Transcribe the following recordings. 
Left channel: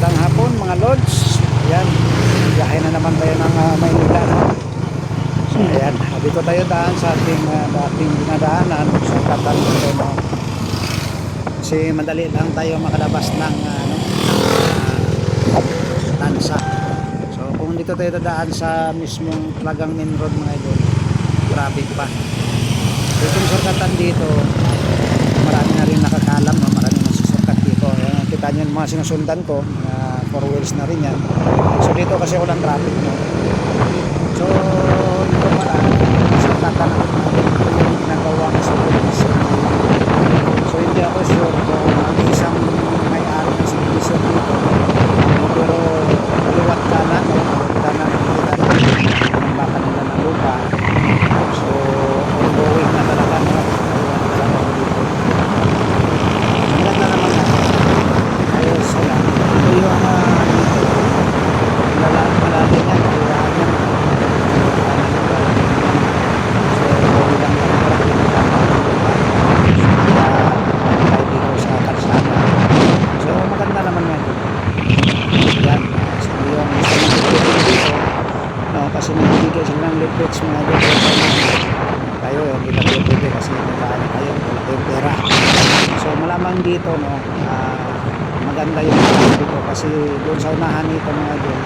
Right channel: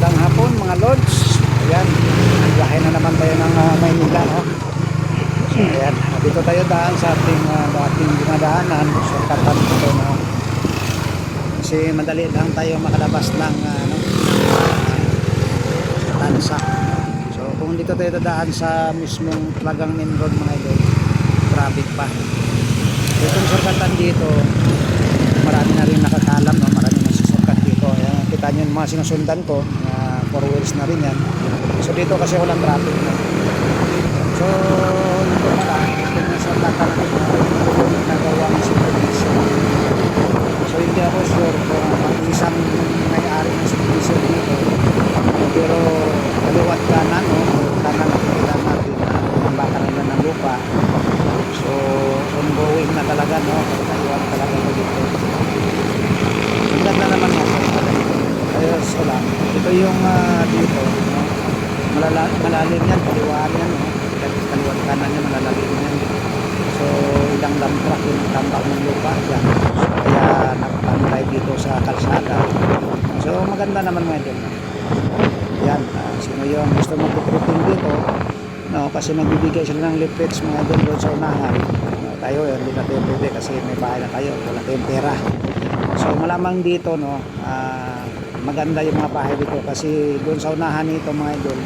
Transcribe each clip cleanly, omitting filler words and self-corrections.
Magandang hapon mga lords. Ayan, biyahe na naman tayo ng Maynila, no? So ayan, dito tayo daan sa ating dating dinadaanan, shortcutan dito, no? Kasi madali lang tayo makalabas ng Tansa, no? So kung dito tayo dadaan sa mismong talagang main road mga idol, traffic pa. So itong shortcutan dito, marami na rin nakakalam, no? Marami na susurkat dito. Ayan, kita nyo yung mga sinusundan ko, mga 4 wheels na rin yan. So dito kasi walang traffic, no? So ito pala, itong shortcutan natin, ito yung ginagawang subdivision. So hindi ako sure kung ang isang may-ari ng subdivision dito, pero kaliwat kanan, no? Kanan nakikita natin yung baka nila ng lupa. So ongoing na talaga, no? Kaiwa na talaga ko dito. Maganda naman nga dito. Kaya sila, ito yung dito, no? Malalim yan, kaliwaan yan, kaliwat kanan yan, malalalim yan. So ilang dump truck yung tambak ng lupa yan. So, kaya nagpantay dito sa kalsada. So maganda naman nga dito. Yan, sino yung gusto mag-tipping dito, no? Kasi nagbibigay sila ng leaflets mga doon sa unahan, no? Tayo hindi na tayo pwede kasi may bahay na tayo, wala tayong pera. So malamang dito, no, maganda yung mga bahay dito kasi doon sa unahan nito mga idol,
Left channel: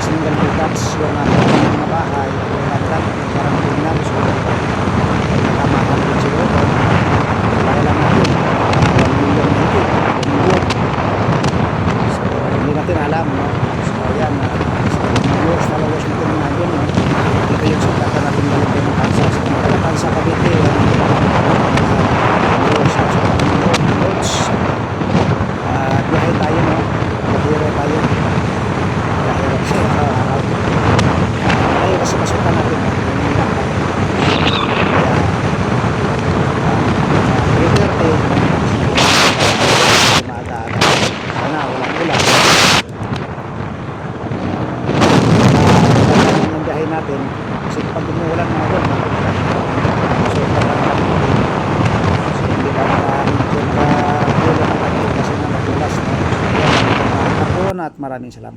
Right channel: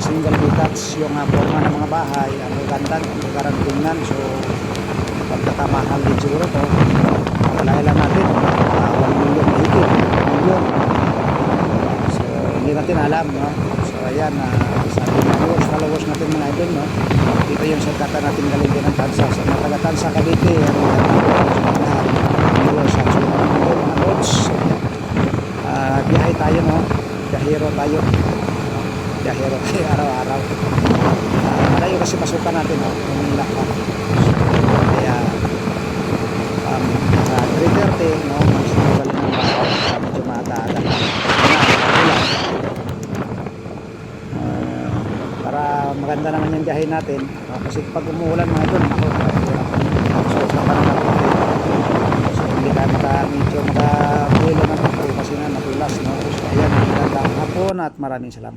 single detached yung forma ng mga bahay, ang ganda, parang tingnan. So pagkakamahal din siguro to, kalaya lang natin 1 million na higit, 1 million. So hindi natin alam, no? So ayan, sa ating mga viewers, followers natin mga idol, no? Dito yung shortcutan natin galing din ng Tansa. So mga taga Tansa, Cavite, yan viewers, sa mga loads. Biyahe tayo, no? Biyahero tayo araw-araw. Malayo kasi pasukan natin, no? Manila pa. Kaya 3:30, no? Umaga-aga na walang ulan. Para maganda naman yung biyahe natin, no? Kasi pag umuulan mga doon, nakakatulak. So pa ng kaputi. So hindi ka medyo makabulo ng takbo kasi na madulas, no? So ayan, magandang hapon at maraming salamat.